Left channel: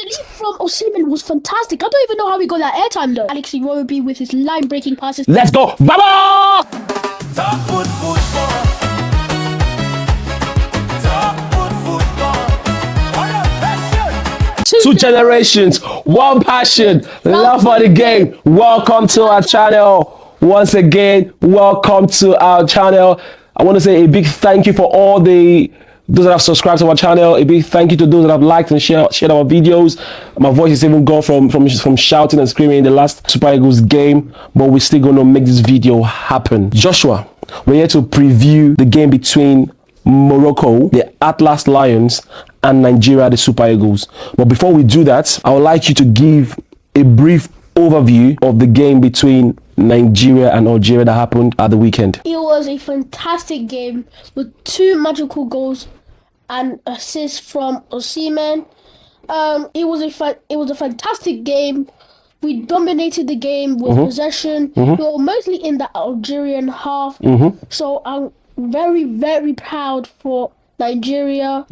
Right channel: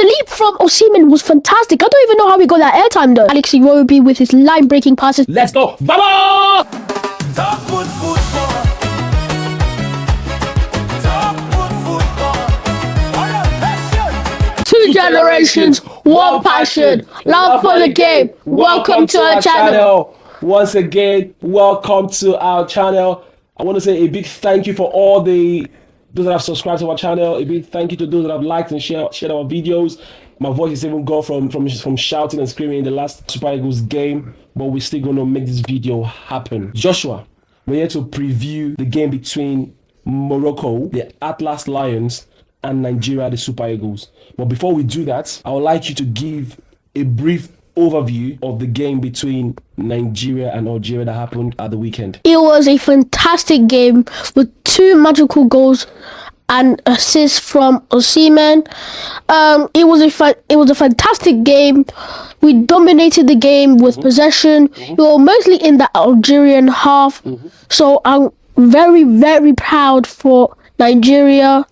The leap from Osimhen was fantastic. I don't even know how we got that airtime though. Alex Iwobi with his line-breaking passes. Let's go! Vamos! Top foot football. Top foot football. Two generations, one passion, love for the game. Welcome to our channel. Once again, welcome to our channel. I want to say a big thank you for all those that have subscribed to our channel. A big thank you to those that have liked and shared our videos. My voice is even gone from shouting and screaming in the last Super Eagles game, but we're still going to make this video happen. Joshua, we're here to preview the game between Morocco, the Atlas Lions, and Nigeria, the Super Eagles. But before we do that, I would like you to give a brief overview of the game between Nigeria and Algeria that happened at the weekend. It was a fantastic game with two magical goals and assists from Osimhen. It was a fantastic game. We dominated the game with possession. We were mostly in the Algerian half. So I'm very, very proud for Nigeria.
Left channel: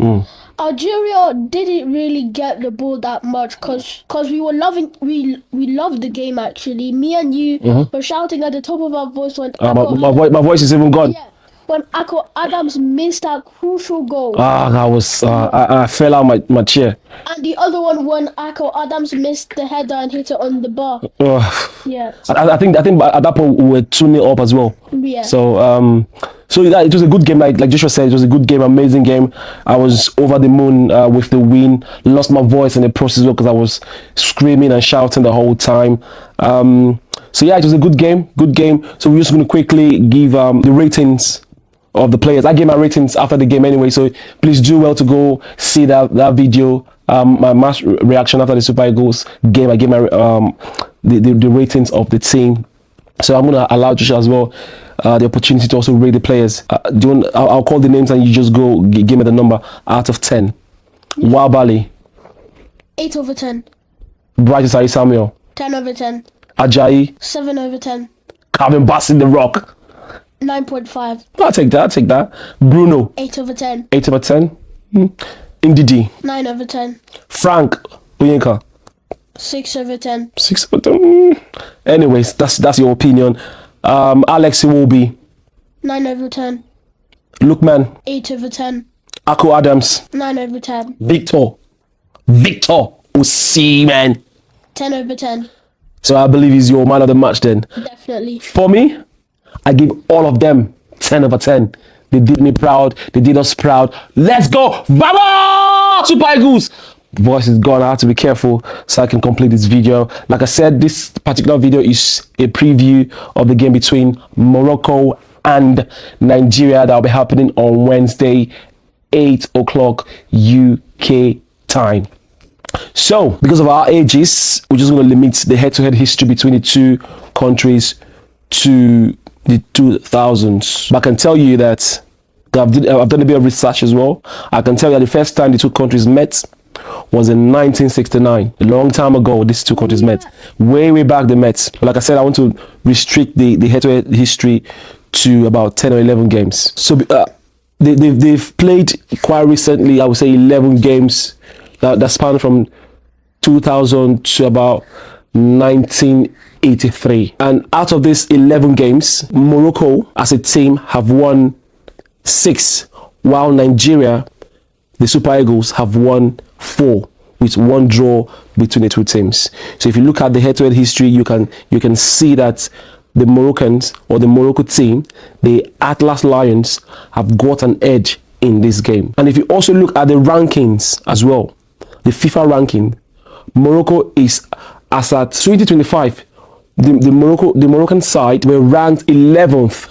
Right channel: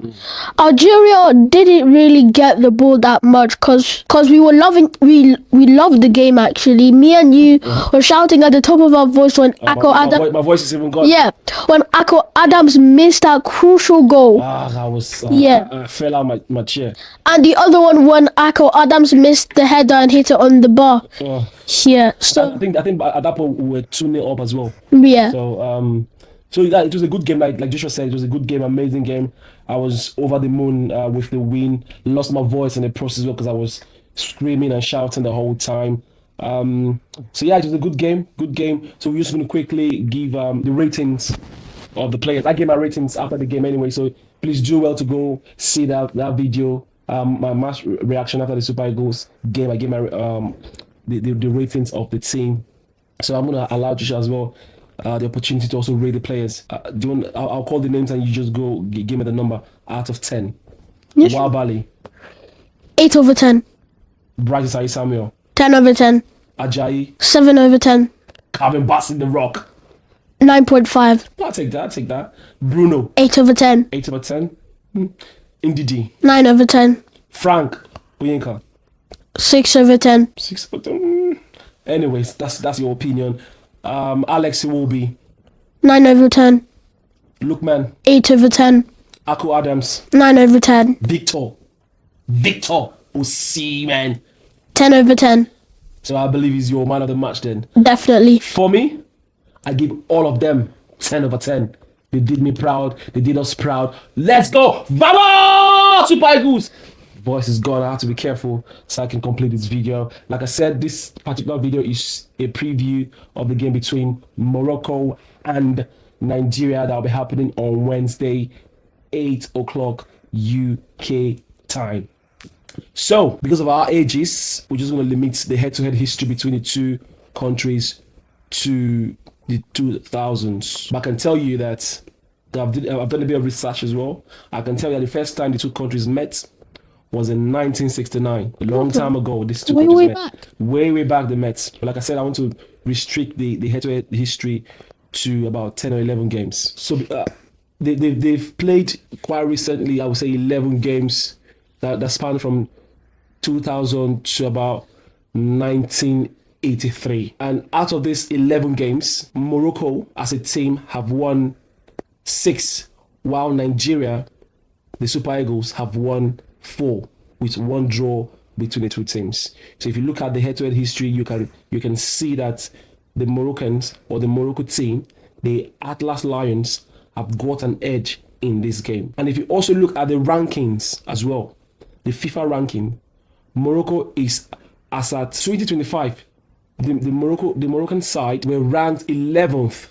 Algeria didn't really get the ball that much because we loved the game actually. Me and you were shouting at the top of our voice when my voice is even gone. Yeah, when Akko Adams missed that crucial goal. I fell out my chair. And the other one when Akko Adams missed the header and hit it on the bar. Yeah. So, I think at that point we were 2-0 up as well. Yeah. So it was a good game, like Joshua said. It was a good game, amazing game. I was over the moon with the win. Lost my voice in the process because I was screaming and shouting the whole time. So yeah, it was a good game. So we're just going to quickly give the ratings of the players. I gave my ratings after the game anyway, so please do well to go see that video. My match reaction after the Super Eagles game. I gave my the ratings of the team. So I'm going to allow Joshua as well the opportunity to also rate the players. I'll call the names and you just go give me the number out of 10. Yes. Wabali. 8 over 10. Bright Isai Samuel. 10 over 10. Ajayi. 7 over 10. Calvin Bassett the Rock. 9.5. I'll take that. Bruno. 8 over 10. 8 over 10. Ndidi. 9 over 10. Frank Uyinka. 6 over 10. 6 over 10. Anyways, that's your opinion. Alex Iwobi. 9 over 10. Lookman. 8 over 10. Akko Adams. 9 over 10. Victor Osimhen. 10 over 10. So I believe he's your man of the match then. Definitely. For me, I give all of them 10 over 10. They did me proud. They did us proud. Let's go! Vamos! Super Eagles! Voice is gone. I have to be careful so I can complete this video. Like I said, this particular video is a preview of the game between Morocco and Nigeria that will be happening on Wednesday, 8 o'clock UK time. So, because of our ages, we're just going to limit the head-to-head history between the two countries to the 2000s. But I can tell you that I've done a bit of research as well. I can tell you that the first time the two countries met was in 1969. A long time ago, these two countries met. Way back they met. But like I said, I want to restrict the head-to-head history to about 10 or 11 games. So they've played quite recently, I would say 11 games that span from 2000 to about 1983. And out of these 11 games, Morocco as a team have won 6, while Nigeria, the Super Eagles, have won 4, with 1 draw between the two teams. So if you look at the head-to-head history, you can see that the Moroccans, or the Morocco team, the Atlas Lions, have got an edge in this game. And if you also look at the rankings as well, the FIFA ranking, Morocco is, as at 2025, the Moroccan side were ranked 11th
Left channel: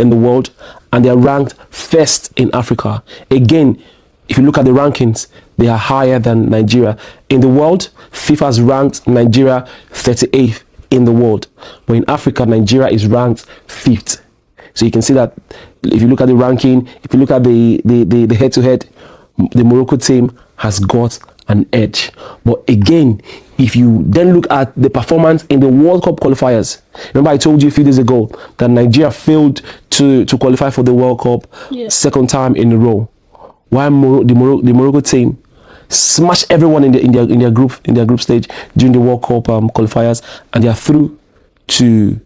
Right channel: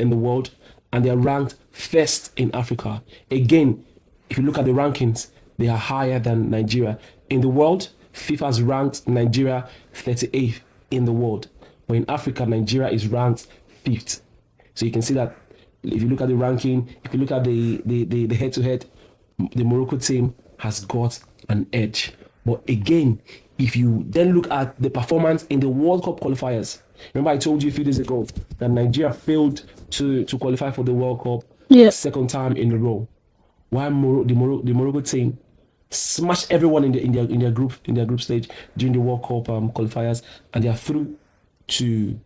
in the world, and they are ranked 1st in Africa. Again, if you look at the rankings, they are higher than Nigeria. In the world, FIFA has ranked Nigeria 38th in the world. But in Africa, Nigeria is ranked 5th. So you can see that if you look at the ranking, if you look at the head-to-head, the Morocco team has got an edge. But again, if you then look at the performance in the World Cup qualifiers, remember I told you a few days ago that Nigeria failed to qualify for the World Cup second time in a row. While the Morocco team smashed everyone in their group stage during the World Cup qualifiers, and they are through to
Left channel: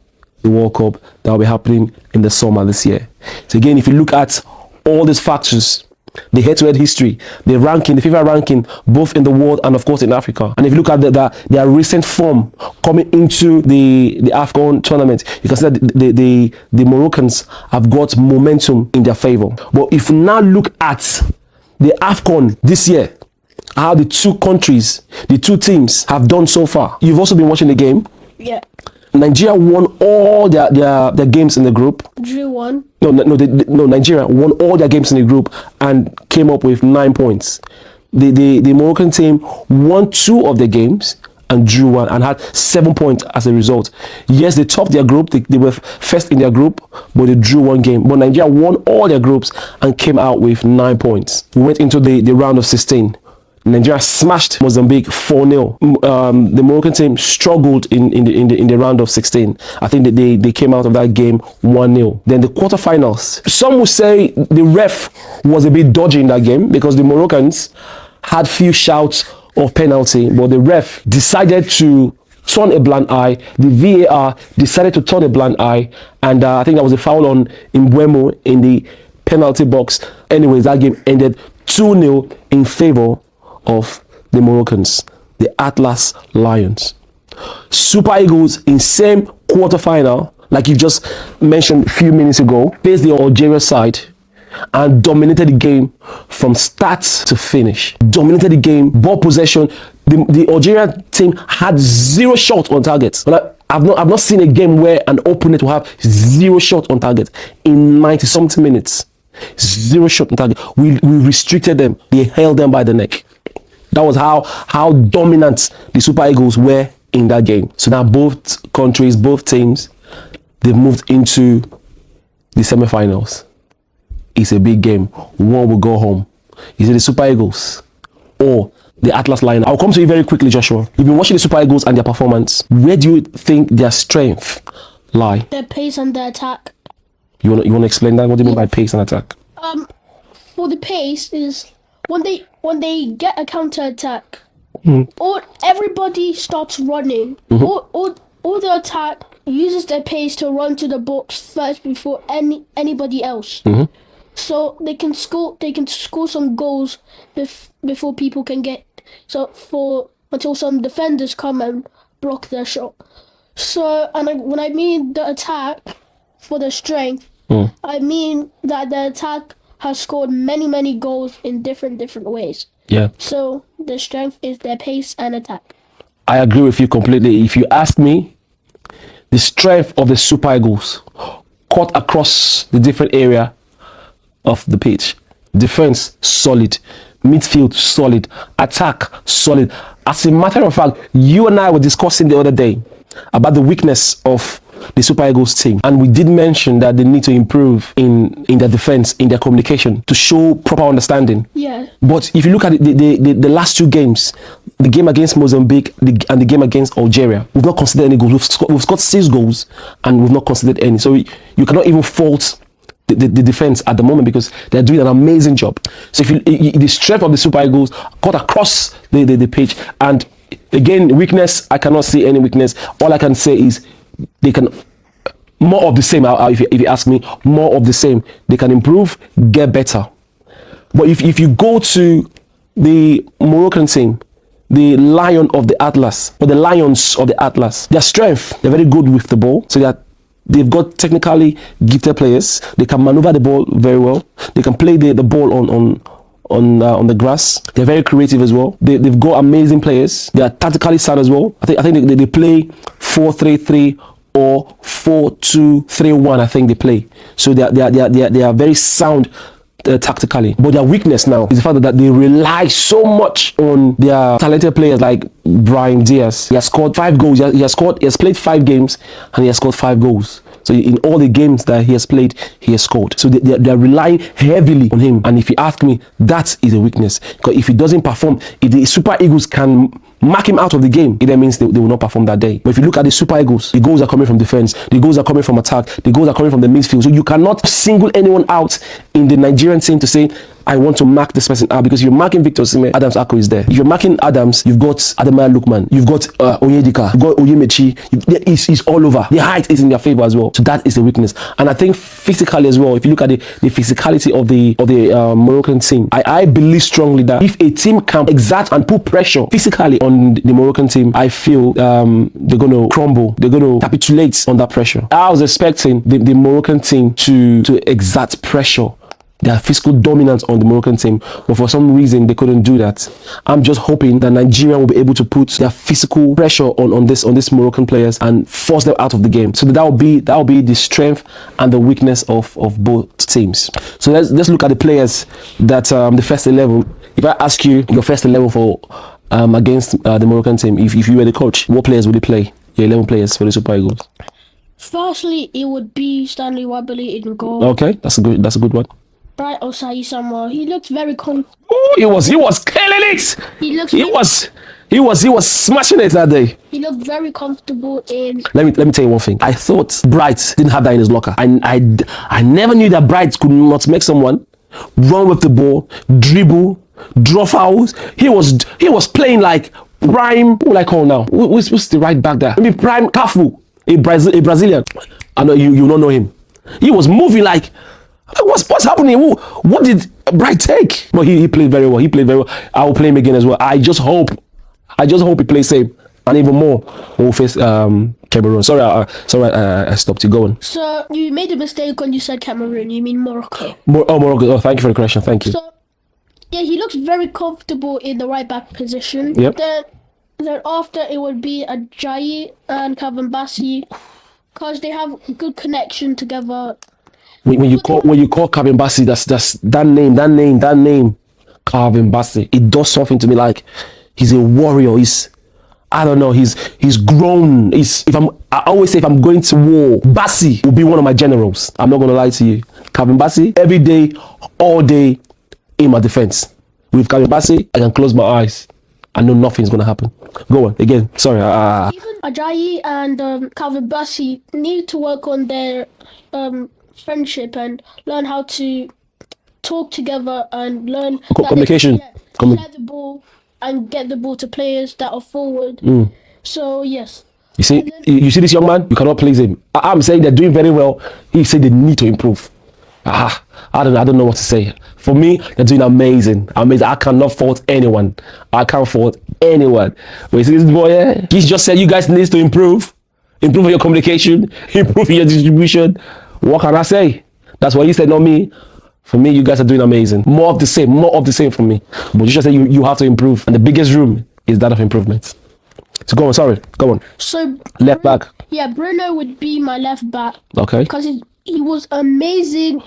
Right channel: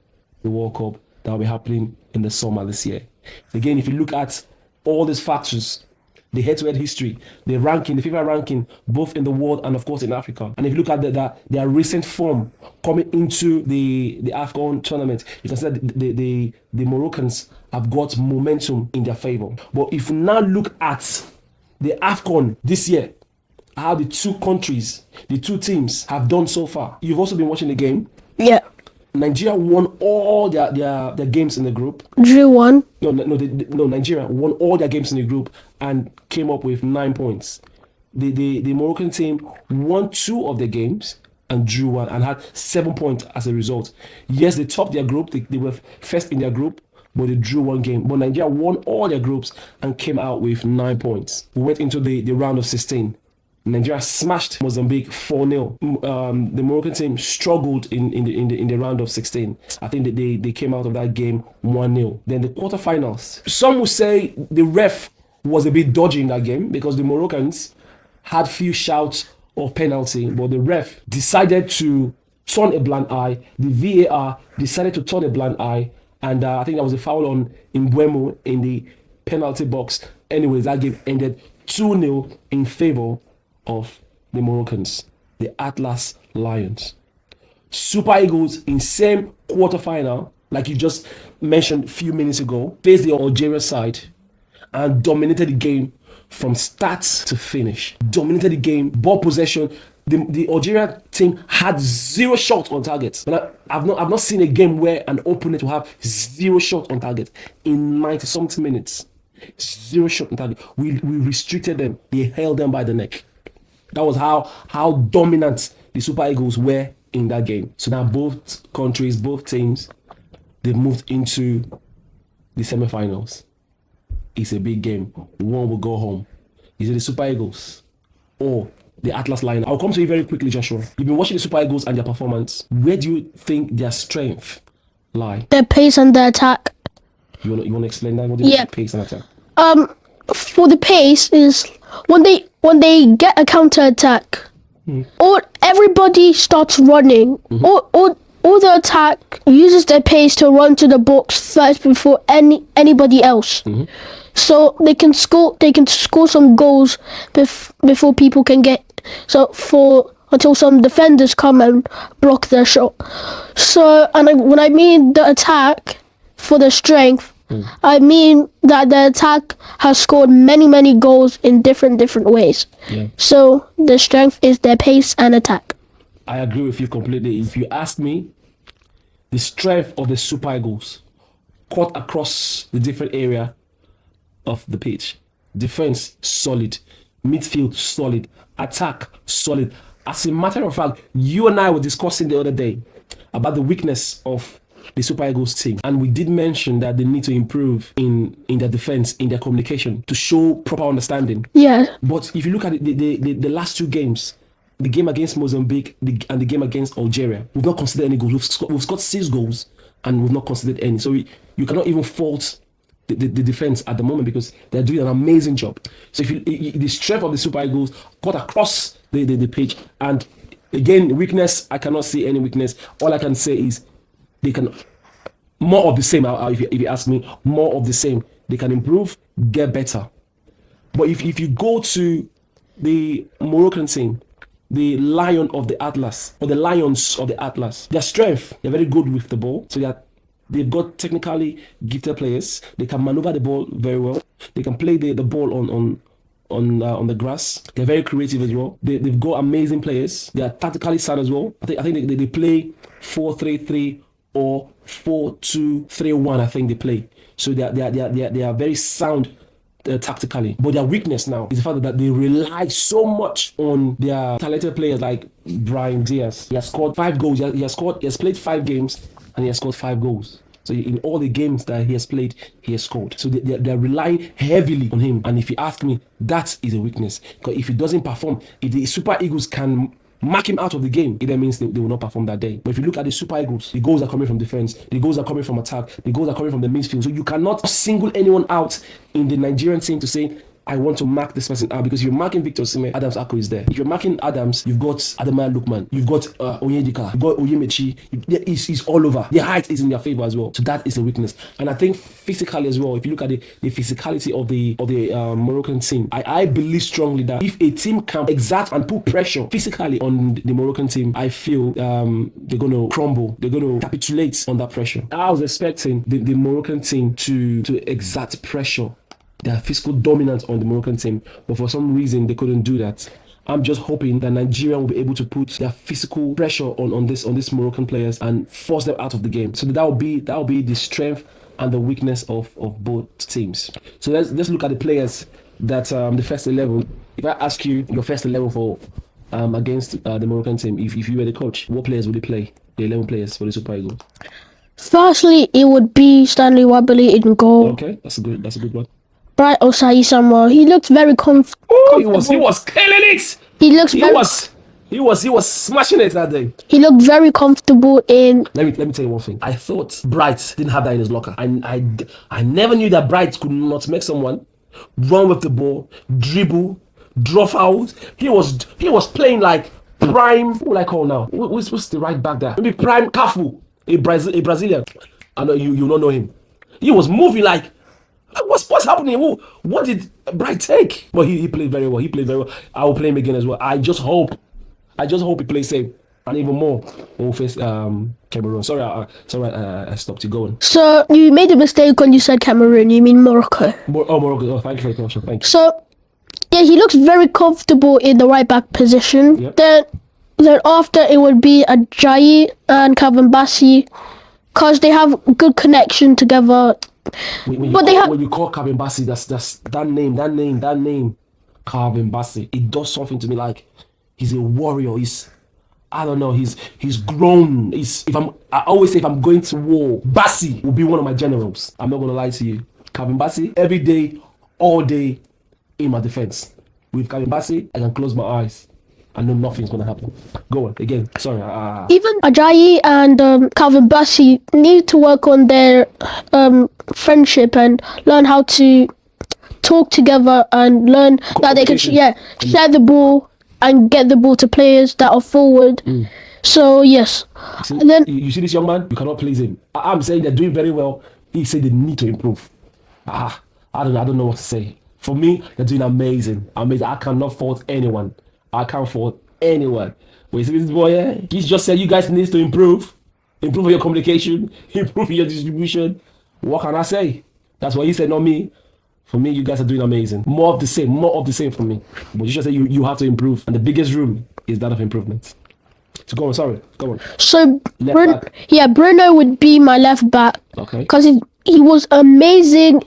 the World Cup that will be happening in the summer this year. So again, if you look at all these factors, the head-to-head history, the ranking, the FIFA ranking, both in the world and of course in Africa, and if you look at their recent form coming into the AFCON tournament, you can see that the Moroccans have got momentum in their favor. But if you now look at the AFCON this year, how the two countries, the two teams have done so far, you've also been watching the game. Yeah. Nigeria won all their games in the group. Drew one. No, Nigeria won all their games in the group and came up with 9 points. The Moroccan team won 2 of the games and drew 1 and had 7 points as a result. Yes, they topped their group. They were first in their group, but they drew 1 game. But Nigeria won all their groups and came out with 9 points. We went into the round of 16. Nigeria smashed Mozambique 4-0. The Moroccan team struggled in the round of 16. I think that they came out of that game 1-0. Then the quarterfinals. Some would say the ref was a bit dodgy in that game because the Moroccans had few shouts of penalty, but the ref decided to turn a blind eye. The VAR decided to turn a blind eye, and I think that was a foul on Mbeumo in the penalty box. Anyways, that game ended 2-0 in favor of the Moroccans, the Atlas Lions. Super Eagles in same quarterfinal, like you just mentioned a few minutes ago, faced the Algeria side and dominated the game from start to finish. Dominated the game, ball possession. The Algeria team had 0 shots on target. I've not seen a game where an opponent will have 0 shots on target in 90-something minutes. 0 shot on target. We restricted them. We held them by the neck. That was how dominant the Super Eagles were in that game. So now both countries, both teams, they've moved into the semi-finals. It's a big game. One will go home. Is it the Super Eagles or the Atlas Lions? I'll come to you very quickly, Joshua. You've been watching the Super Eagles and their performance. Where do you think their strength lie? Their pace and their attack. You want to explain that? What do you mean by pace and attack? For the pace is when they get a counter attack, or everybody starts running, or the attack uses their pace to run to the box first before anybody else. So they can score some goals before people can get until some defenders come and block their shot. So when I mean the attack for the strength, I mean that the attack has scored many goals in different ways. Yeah. So the strength is their pace and attack. I agree with you completely. If you ask me, the strength of the Super Eagles cut across the different area of the pitch. Defense solid, midfield solid, attack solid. As a matter of fact, you and I were discussing the other day about the weakness of the Super Eagles team, and we did mention that they need to improve in their defense, in their communication, to show proper understanding. Yeah. But if you look at the last 2 games, the game against Mozambique and the game against Algeria, we've not considered any goals. We've scored 6 goals and we've not considered any. So you cannot even fault the defense at the moment because they're doing an amazing job. So if the strength of the Super Eagles cut across the pitch, and again, weakness, I cannot see any weakness. All I can say is they can more of the same. If you ask me, more of the same. They can improve, get better. But if you go to the Moroccan team, the Lion of the Atlas, or the Lions of the Atlas, their strength, they're very good with the ball. So they've got technically gifted players. They can maneuver the ball very well. They can play the ball on the grass. They're very creative as well. They've got amazing players. They are tactically sound as well. I think they play 4-3-3 or 4-2-3-1. I think they play. So they are very sound tactically. But their weakness now is the fact that they rely so much on their talented players like Brahim Diaz. He has scored 5 goals. He has played 5 games and he has scored 5 goals. So in all the games that he has played, he has scored. So they're relying heavily on him. And if you ask me, that is a weakness. Because if he doesn't perform, if the Super Eagles can mark him out of the game, it then means they will not perform that day. But if you look at the Super Eagles, the goals are coming from defense, the goals are coming from attack, the goals are coming from the midfield. So you cannot single anyone out in the Nigerian team to say I want to mark this person out, because you're marking Victor Osimhen, Adams Akko is there. If you're marking Adams, you've got Ademaya Lookman, you've got Onyedika, you've got Oyemechi. It's all over. The height is in their favor as well. So that is the weakness. And I think physically as well, if you look at the physicality of the Moroccan team, I believe strongly that if a team can exert and put pressure physically on the Moroccan team, I feel they're going to crumble. They're going to capitulate on that pressure. I was expecting the Moroccan team to exert pressure, their physical dominance on the Moroccan team, but for some reason they couldn't do that. I'm just hoping that Nigeria will be able to put their physical pressure on this Moroccan players and force them out of the game. So that will be the strength and the weakness of both teams. So let's look at the players that the first 11. If I ask you your first 11 for against the Moroccan team, if you were the coach, what players would you play? Your 11 players for the Super Eagles. Firstly, it would be Stanley Wabali in goal. Okay, that's a good one. Bright Osai Samuel. He looked very comfortable. Oh, he was killing it. He was smashing it that day. He looked very comfortable in. Let me tell you one thing. I thought Bright didn't have that in his locker. I never knew that Bright could not make someone run with the ball, dribble, draw fouls. He was playing like prime. Who will I call now? Who's the right back there? Maybe prime Cafu, a Brazilian. I know you don't know him. He was moving like. What's happening? What did Bright take? But he played very well. I will play him again as well. I just hope he plays safe, and even more we'll face Cameroon. Sorry, I stopped you going. So you made a mistake when you said Cameroon. You mean Morocco? Morocco. Oh, thank you for the correction. Thank you. So yeah, he looks very comfortable in the right back position. Yep. Then after it would be Ajayi and Calvin Bassey, because they have good connection together. When you call Calvin Bassey, that's that name, Calvin Bassey. It does something to me. Like he's a warrior. He's grown. I always say if I'm going to war, Bassey will be one of my generals. I'm not gonna lie to you. Calvin Bassey, every day, all day, in my defense. With Calvin Bassey, I can close my eyes. I know nothing's gonna happen. Go on again. Sorry. Even Ajayi and Calvin Bassey need to work on their friendship and learn how to talk together and learn that they can share the ball and get the ball to players that are forward. So yes. You see, you see this young man. You cannot please him. I'm saying they're doing very well. He said they need to improve. I don't know what to say. For me, they're doing amazing. I cannot fault anyone. I can't fault anyone. But you see this boy here? He just said you guys need to improve. Improve your communication. Improve your distribution. What can I say? That's what you said, not me. For me, you guys are doing amazing. More of the same for me. But you just said you have to improve. And the biggest room is that of improvement. So go on. So left back. Yeah, Bruno would be my left back. Okay. Because he was amazing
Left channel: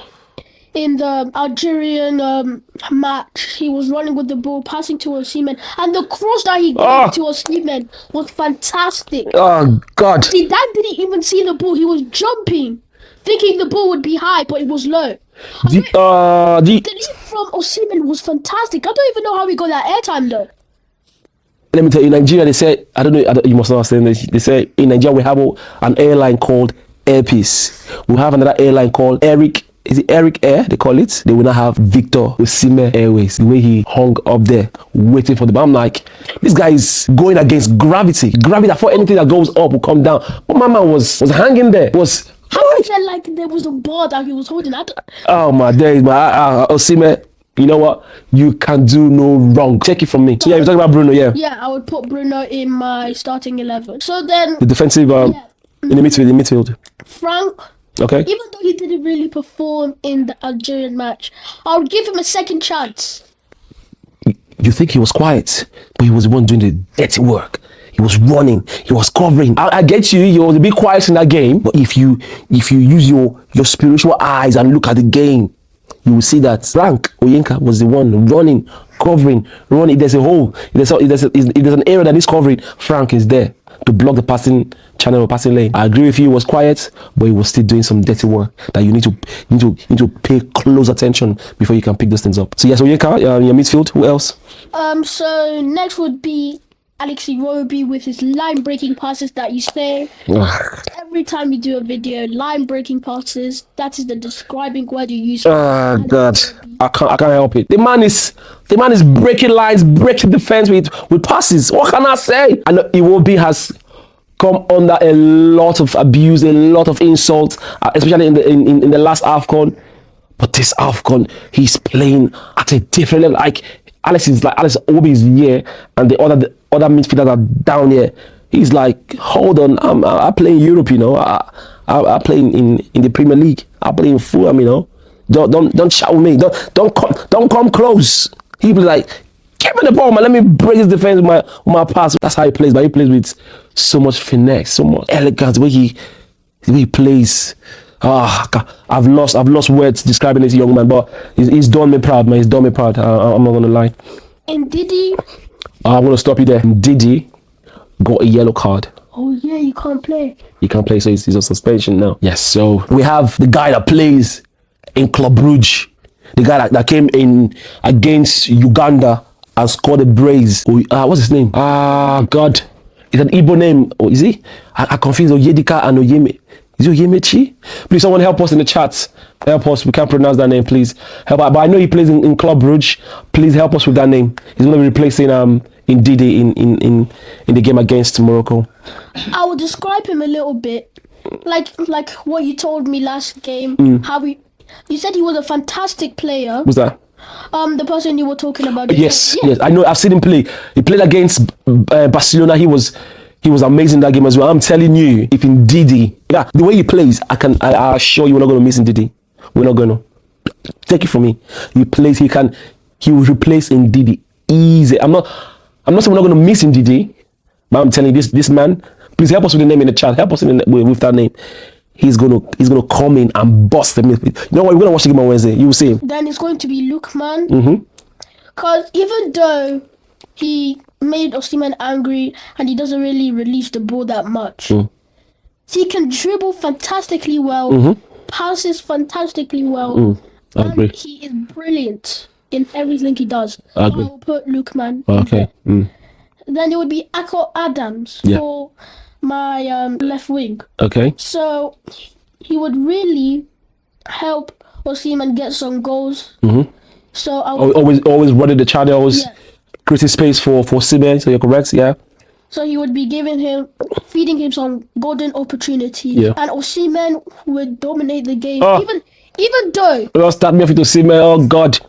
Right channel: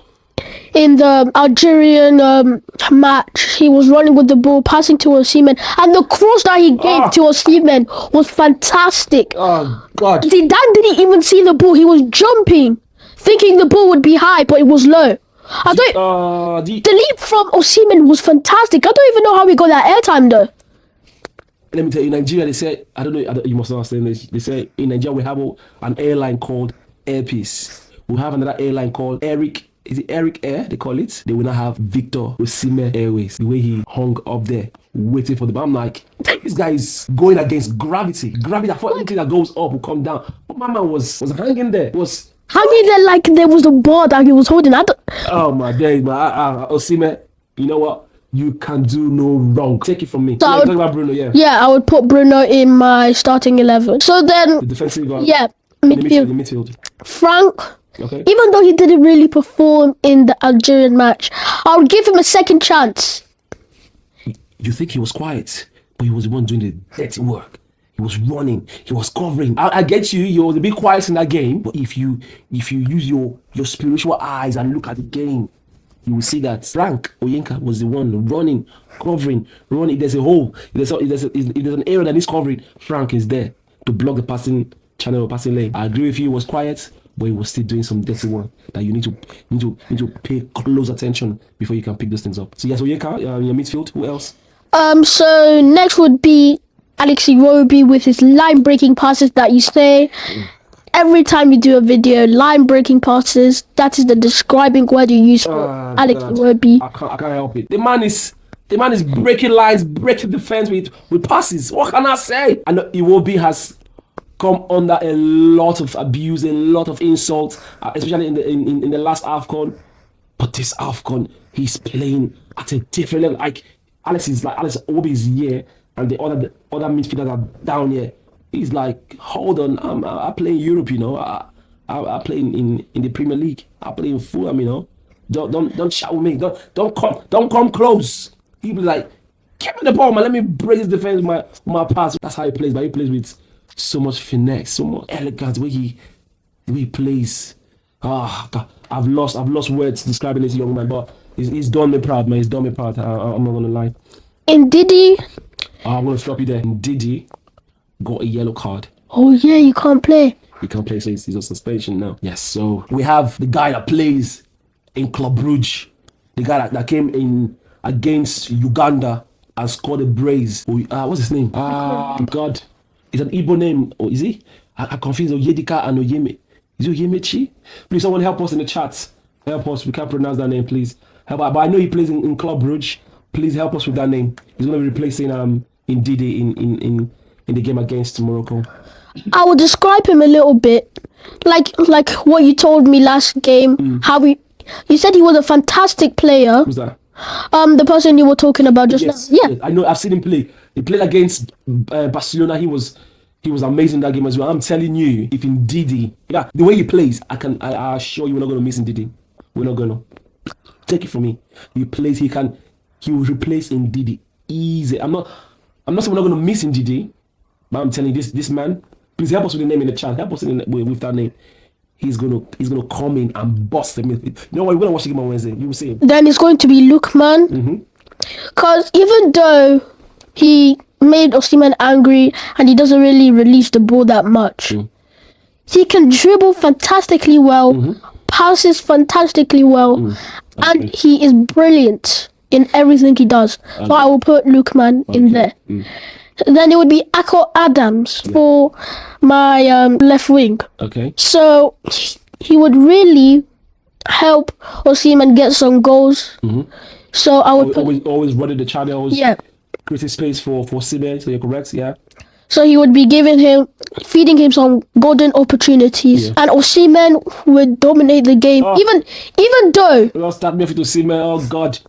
in the Algerian match. He was running with the ball, passing to Osimhen, and the cross that he gave to Osimhen was fantastic. Oh God! Zidane didn't even see the ball. He was jumping, thinking the ball would be high, but it was low. The leap from Osimhen was fantastic. I don't even know how we got that airtime though. Let me tell you, in Nigeria, they say, I don't know, you must not understand this. They say in Nigeria we have an airline called Airpeace. We have another airline called Eric Air, they call it. They will not have Victor Osimhen Airways. The way he hung up there, waiting for the ball. I'm like, this guy is going against gravity. Gravity, I thought anything that goes up will come down. But my man was hanging there. Hanging there like there was a ball that he was holding. Oh my days, Osimhen. You know what? You can do no wrong. Take it from me. So you're talking about Bruno, yeah? Yeah, I would put Bruno in my starting 11. So then... The defensive... in the midfield. Frank. Okay. Even though he didn't really perform in the Algerian match, I would give him a second chance. You think he was quiet, but he was the one doing the dirty work. He was running. He was covering. I get you. He was a bit quiet in that game. But if you use your spiritual eyes and look at the game, you will see that Frank Oyenka was the one running, covering. There's a hole. There's an area that is covering. Frank is there to block the passing channel or passing lane. I agree with you. He was quiet, but he was still doing some dirty work that you need to pay close attention before you can pick those things up. So yes, Oyenka, your midfield. Who else? So next would be Alex Iwobi with his line-breaking passes that you say. Every time you do a video, line-breaking passes, that is the describing word you use for Alex Iwobi. I can't help it. The man is breaking lines, breaking defense with passes. What can I say? And Iwobi has come under a lot of abuse, a lot of insults, especially in the last AFCON. But this AFCON, he's playing at a different level. Like Alex Iwobi is here, and the other midfielders are down here. He's like, hold on, I play in Europe, you know. I play in the Premier League. I play in Fulham, you know. Don't shout with me. Don't come close. He was like, give me the ball, man. Let me break his defense with my pass. That's how he plays. But he plays with so much finesse, so much elegance. The way he plays. I've lost words describing this young man. But he's done me proud, man. He's done me proud. I'm not gonna lie. In Didi. I'm gonna stop you there. Didi got a yellow card. Oh yeah, you can't play. He can't play, so he's on suspension now. Yes. So we have the guy that plays in Club Brugge. The guy that came in against Uganda and scored a brace. What's his name? God. It's an Igbo name. Oh, is he? I confuse Oyedika and Oyeme. Is it Oyemechi? Please, someone help us in the chat. Help us. We can't pronounce that name, please. Help. But I know he plays in Club Brugge. Please help us with that name. He's going to be replacing Ndidi in the game against Morocco. I will describe him a little bit. Like what you told me last game. How you said he was a fantastic player. Who's that? The person you were talking about. Yes, I know. I've seen him play. He played against Barcelona. He was amazing that game as well. I'm telling you, if Ndidi, the way he plays, I assure you, we're not going to miss Ndidi. We're not going to. Take it from me. He will replace Ndidi easy. I'm not saying we're not going to miss Ndidi, but I'm telling you, this man. Please help us with the name in the chat. Help us with that name. He's gonna come in and bust the midfield. You know what? We're gonna watch the game on Wednesday. You will see him. Then it's going to be Lookman. Because even though he made Osimhen angry and he doesn't really release the ball that much, he can dribble fantastically well, passes fantastically well, and he is brilliant in everything he does. So I will put Lookman in there. Then it would be Akko Adams for my left wing. Okay. So he would really help Osimhen get some goals. So I would always running the channels, creating space for Osimhen. So you're correct, yeah. So he would be feeding him some golden opportunities, and Osimhen would dominate the game. Even though. Don't start me off with Osimhen. Oh God,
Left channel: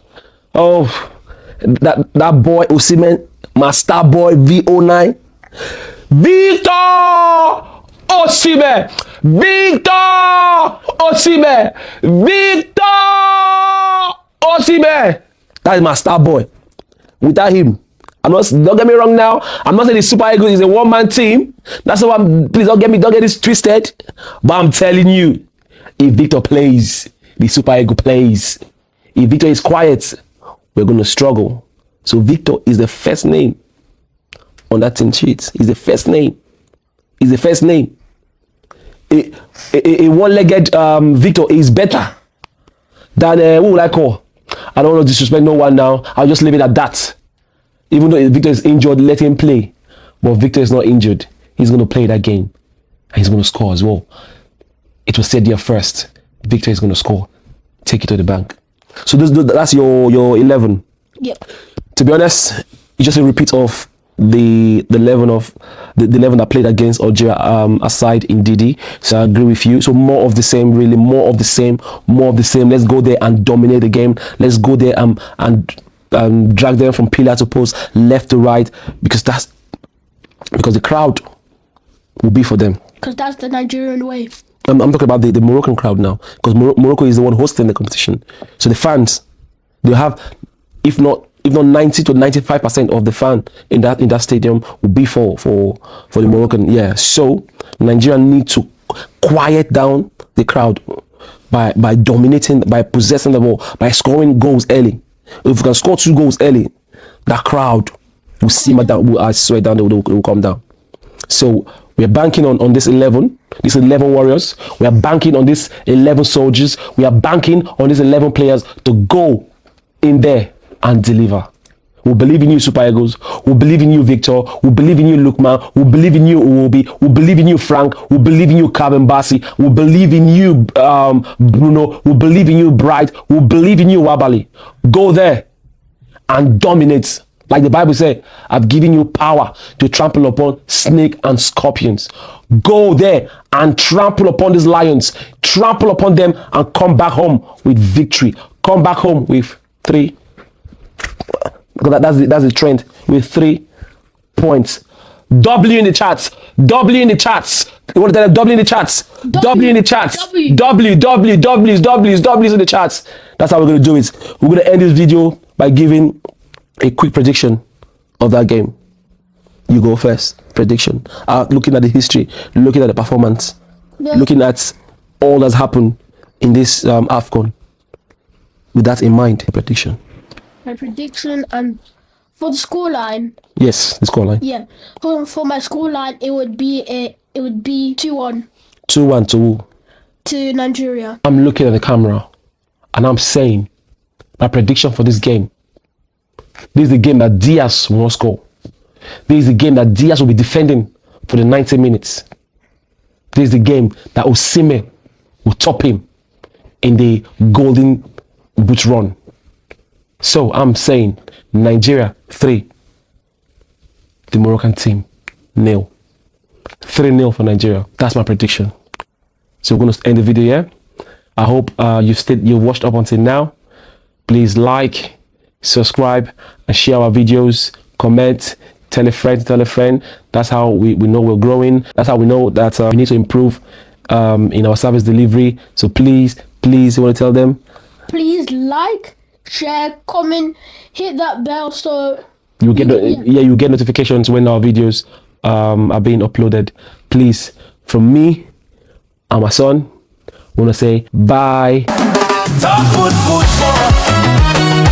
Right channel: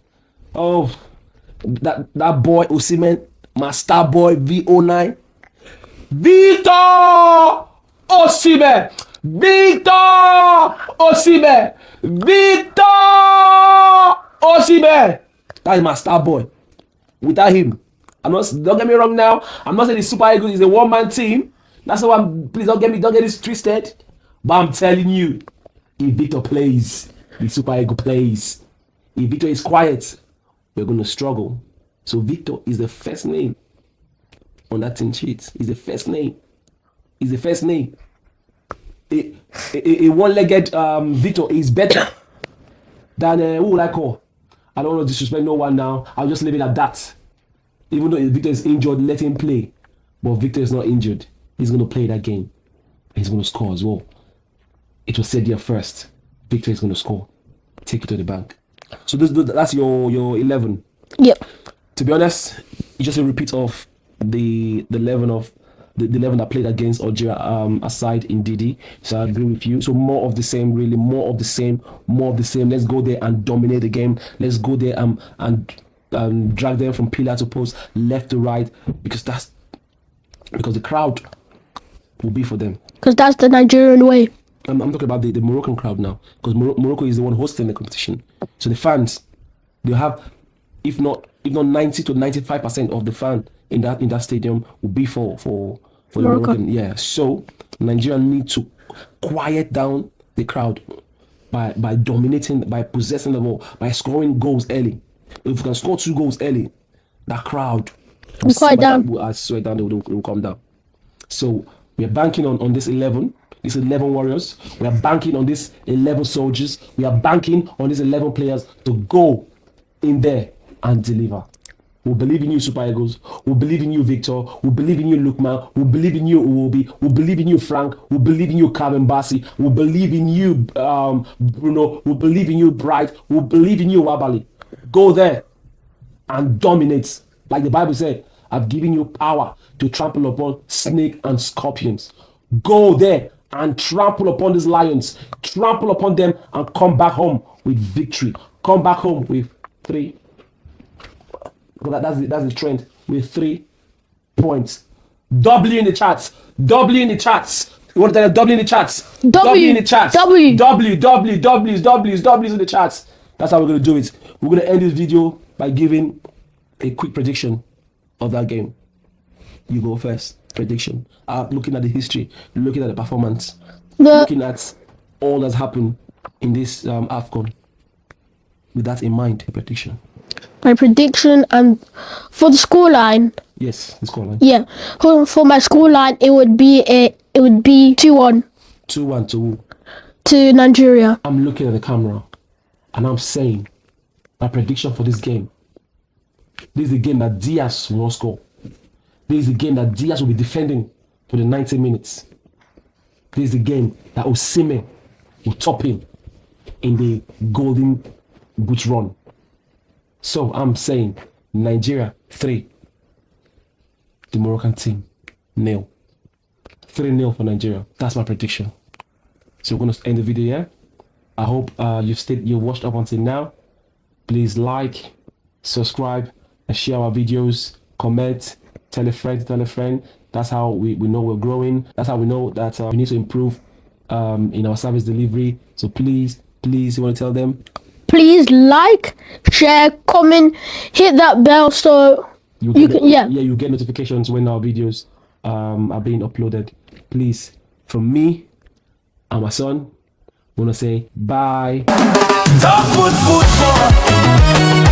that boy Osimhen. My star boy V09, Victor Osimhen, Victor Osimhen, Victor Osimhen. That is my star boy. Without him, don't get me wrong now. I'm not saying the Super Eagles is a one-man team. That's why please don't get this twisted. But I'm telling you, if Victor plays, the Super Eagle plays. If Victor is quiet, we're gonna struggle. So Victor is the first name on that team sheet. He's the first name. He's the first name. A one-legged Victor is better than who would I call? I don't want to disrespect no one now. I'll just leave it at that. Even though Victor is injured, let him play. But Victor is not injured. He's going to play that game. And he's going to score as well. It was said there first. Victor is going to score. Take it to the bank. So that's your 11. Yep. To be honest, it's just a repeat of the 11 that played against Algeria aside in Didi. So I agree with you. So more of the same, really, more of the same. Let's go there and dominate the game. Let's go there and drag them from pillar to post, left to right, because the crowd will be for them. Because that's the Nigerian way. I'm talking about the Moroccan crowd now, because Morocco is the one hosting the competition. So the fans, they have, if not 90 to 95% of the fan in that stadium will be for the Moroccan. Yeah. So Nigeria need to quiet down the crowd by dominating, by possessing the ball, by scoring goals early. If we can score 2 goals early, that crowd will simmer down. I swear down, they will come down. So we are banking on this 11 warriors. We are banking on this 11 soldiers. We are banking on these 11 players to go in there and deliver. We believe in you, Super Eagles. We believe in you, Victor. We believe in you, Lukman. We believe in you, Uwobi. We believe in you, Frank. We believe in you, Calvin Bassi. We believe in you, Bruno. We believe in you, Bright. We believe in you, Wabali. Go there and dominate. Like the Bible said, I've given you power to trample upon snake and scorpions. Go there and trample upon these lions. Trample upon them and come back home with victory. Come back home with 3. Because that's the trend. With 3 points. W in the chats. W in the chats. You want to tell them W in the chats? W in the chats. W's in the chats. That's how we're going to do it. We're going to end this video by giving a quick prediction of that game. You go first. Prediction. Looking at the history, looking at the performance, looking at all that's happened in this AFCON. With that in mind, prediction. My prediction and for the scoreline. Yes, the scoreline. Yeah, for my scoreline, it would be 2-1. 2-1 to who? To Nigeria. I'm looking at the camera, and I'm saying my prediction for this game. This is the game that Diaz will not score. This is the game that Diaz will be defending for the 90 minutes. This is the game that Osimhen will top him in the golden boot run. So I'm saying Nigeria 3, the Moroccan team 0. 3-0 for Nigeria. That's my prediction. So we're going to end the video here. I hope you've watched up until now. Please like, subscribe, and share our videos. Comment, tell a friend. That's how we know we're growing. That's how we know that we need to improve in our service delivery. So please, you want to tell them? Please like, share, comment, hit that bell so you get notifications when our videos are being uploaded. Please, from me and my son, I want to say bye. Top football.